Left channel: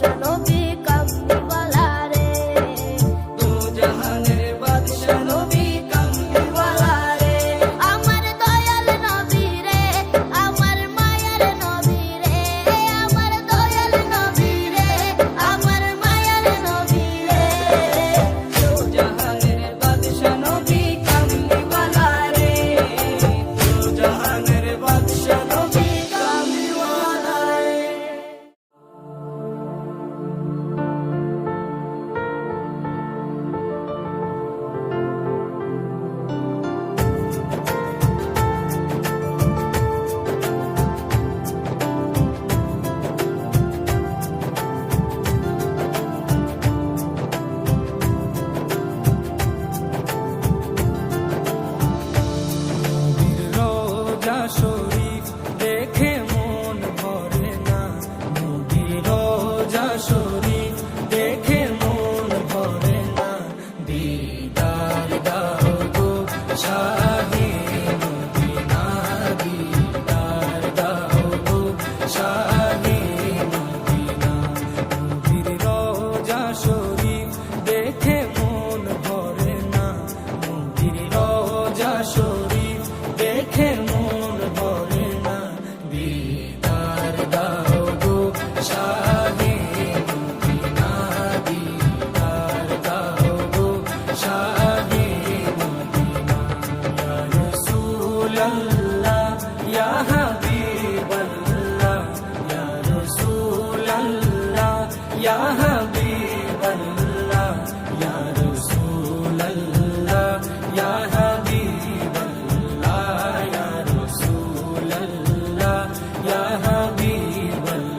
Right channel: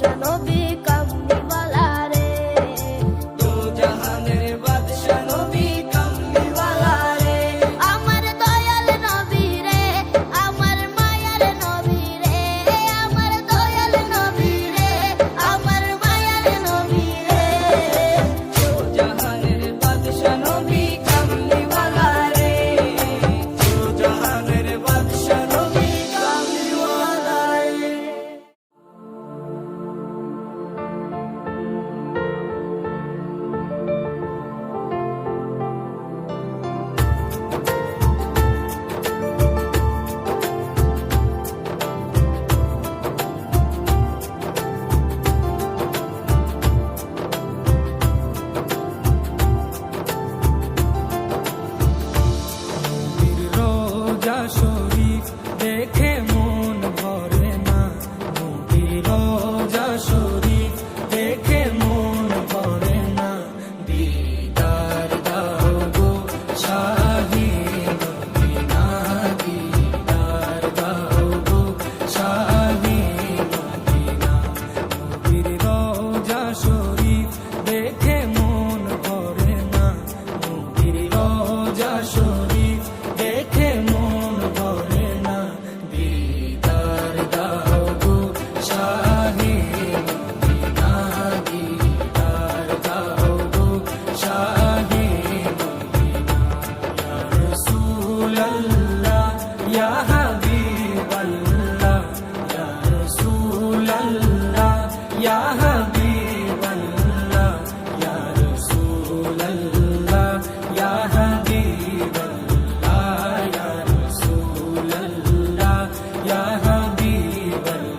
বাদশা নবী কামলিওয়ালা রে, দু জাহানের বাদশা নবী কামলিওয়ালা রে, আমার দয়াল নবী রে, আমার মায়ার নবী রে, আমার দয়াল নবী রে, আমার মায়ার নবী রে, দু জাহানের বাদশা নবী কামলিওয়ালা রে, দু জাহানের বাদশা নবী কামলিওয়ালা রে। নবীর রোজা শরীফ দেখে মন ভরে না, নবীর রোজা শরীফ দেখে মন ভরে না, দিদার দাও গো শাহে মদিনা, দিদার দাও গো শাহে মদিনা, নবীর রোজা শরীফ দেখে মন ভরে না, নবীর রোজা শরীফ দেখে মন ভরে না, দিদার দাও গো শাহে মদিনা, দিদার দাও গো শাহে মদিনা, ইয়া রাসূলাল্লাহ ইয়া হাবিবাল্লাহ, ইয়া রাসূলাল্লাহ ইয়া হাবিবাল্লাহ, ইয়া রাসূলাল্লাহ ইয়া হাবিবাল্লাহ, ইয়া রাসূলাল্লাহ ইয়া হাবিবাল্লাহ।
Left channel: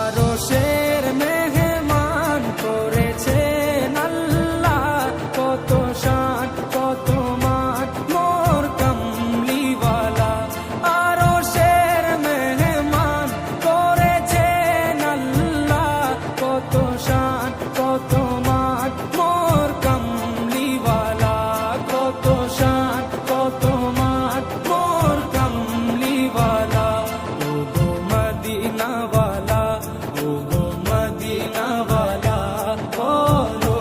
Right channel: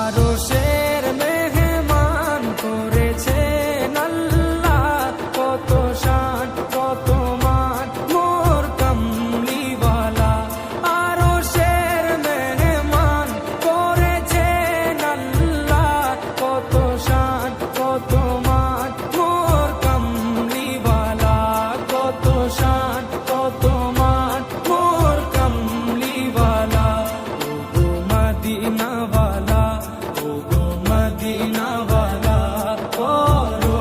আরশের মেহমান করেছেন আল্লাহ, কত শান কত মান মোর কামলিওয়ালা, আরশের মেহমান করেছেন আল্লাহ, কত শান কত মান মোর কামলিওয়ালা, কত শান কত মান মোর কামলিওয়ালা, ও গো মদিনাওয়ালা, ও গো মদিনাওয়ালা, করো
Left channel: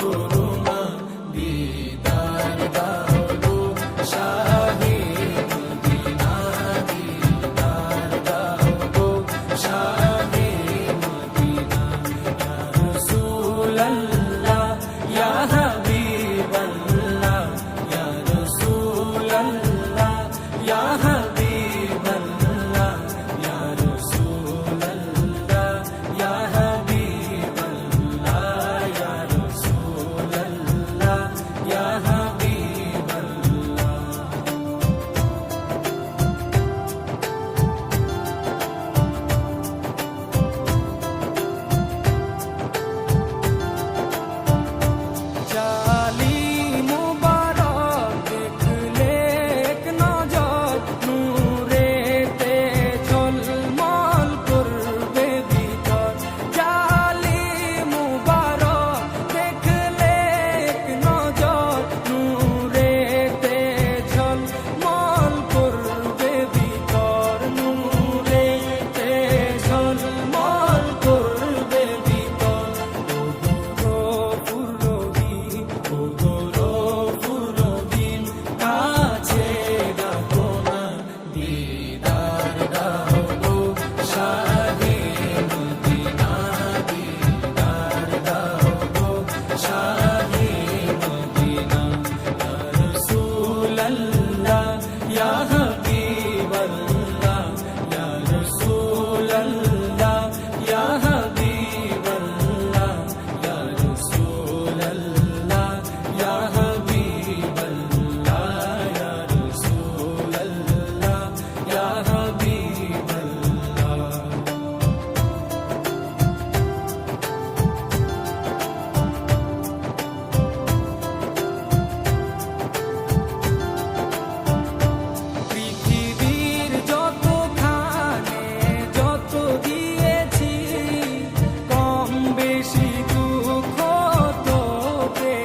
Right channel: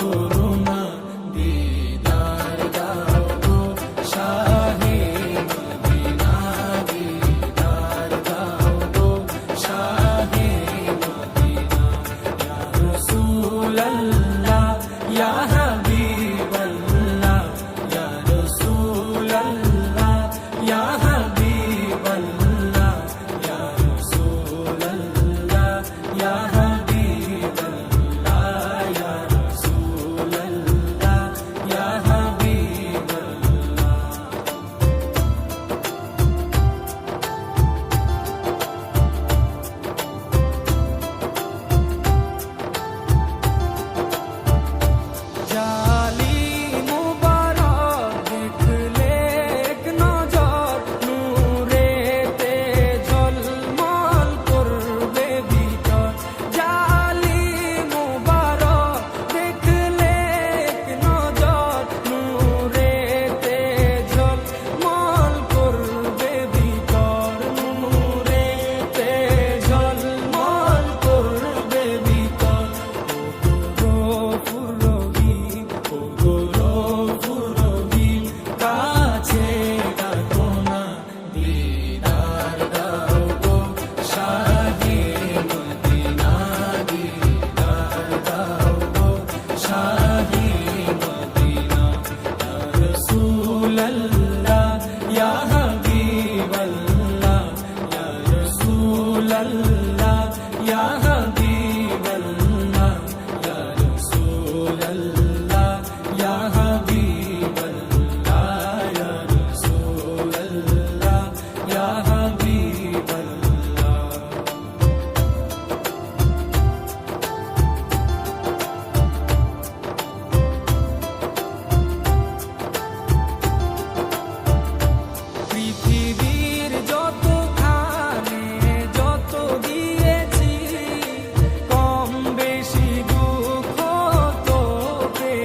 করুণা, দিদার দাও গো শাহে মদিনা, দিদার দাও গো শাহে মদিনা, ইয়া রাসূলাল্লাহ ইয়া হাবিবাল্লাহ, ইয়া রাসূলাল্লাহ ইয়া হাবিবাল্লাহ, ইয়া রাসূলাল্লাহ ইয়া হাবিবাল্লাহ, ইয়া রাসূলাল্লাহ ইয়া হাবিবাল্লাহ। জালি মুবারক দেখলে এক নজর, নূরেতে ঝলমল করবে ভিতর, জালি মুবারক দেখলে এক নজর, নূরেতে ঝলমল করবে ভিতর, নূরেতে ঝলমল করবে ভিতর, ও গো রফুর রহিম, ও গো রফুর রহিম, কাছে ডাকো না, দিদার দাও গো শাহে মদিনা, দিদার দাও গো শাহে মদিনা, ইয়া রাসূলাল্লাহ ইয়া হাবিবাল্লাহ, ইয়া রাসূলাল্লাহ ইয়া হাবিবাল্লাহ, ইয়া রাসূলাল্লাহ ইয়া হাবিবাল্লাহ, ইয়া রাসূলাল্লাহ ইয়া হাবিবাল্লাহ। পৃথিবীর যতখানে যত দিয়েছি, কম বেশি দুঃখ তো পেয়েছি,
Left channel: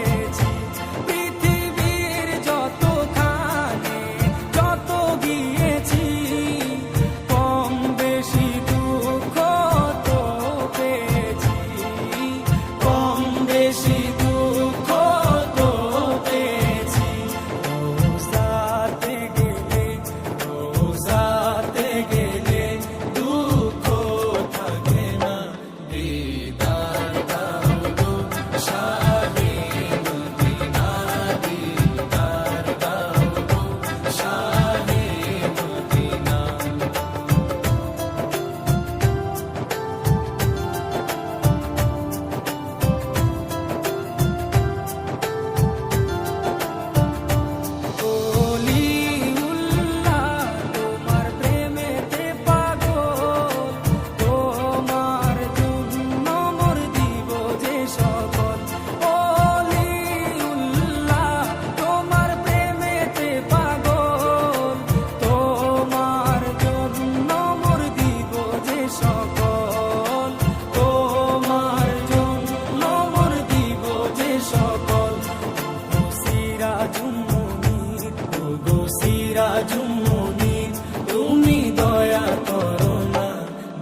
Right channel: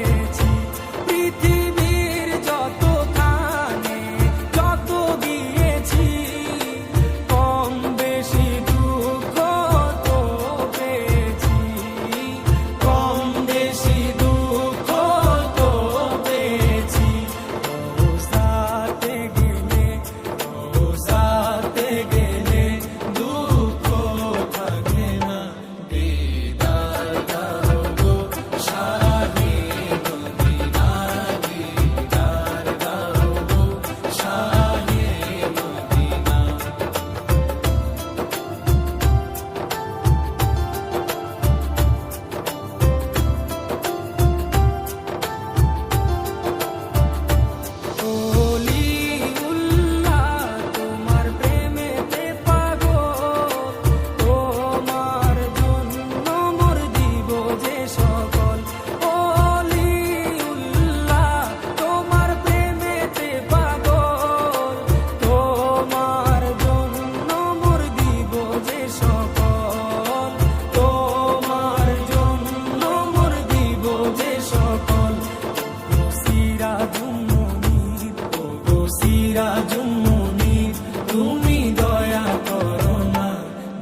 তাজুম মুনির তুমি দয়া করো না,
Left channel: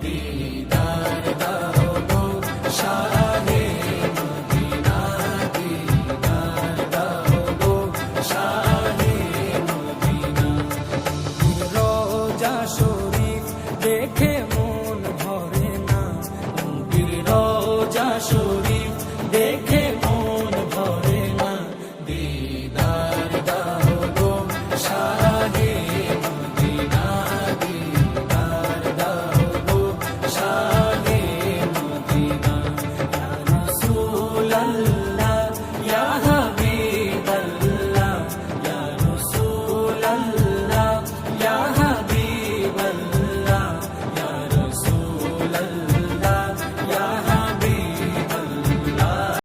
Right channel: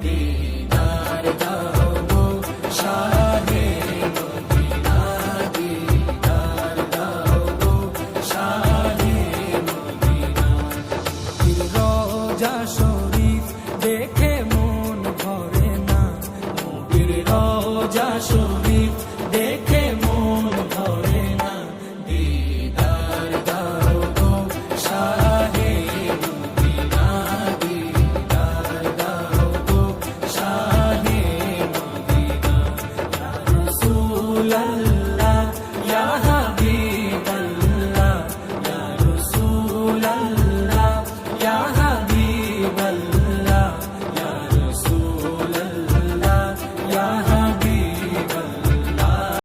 দিদার দাও গো শাহে মদিনা, দিদার দাও গো শাহে মদিনা। নবীর রওজা শরীফ দেখে মন ভরে না, নবীর রওজা শরীফ দেখে মন ভরে না, দিদার দাও গো শাহে মদিনা, দিদার দাও গো শাহে মদিনা। ইয়া রাসূলাল্লাহ ইয়া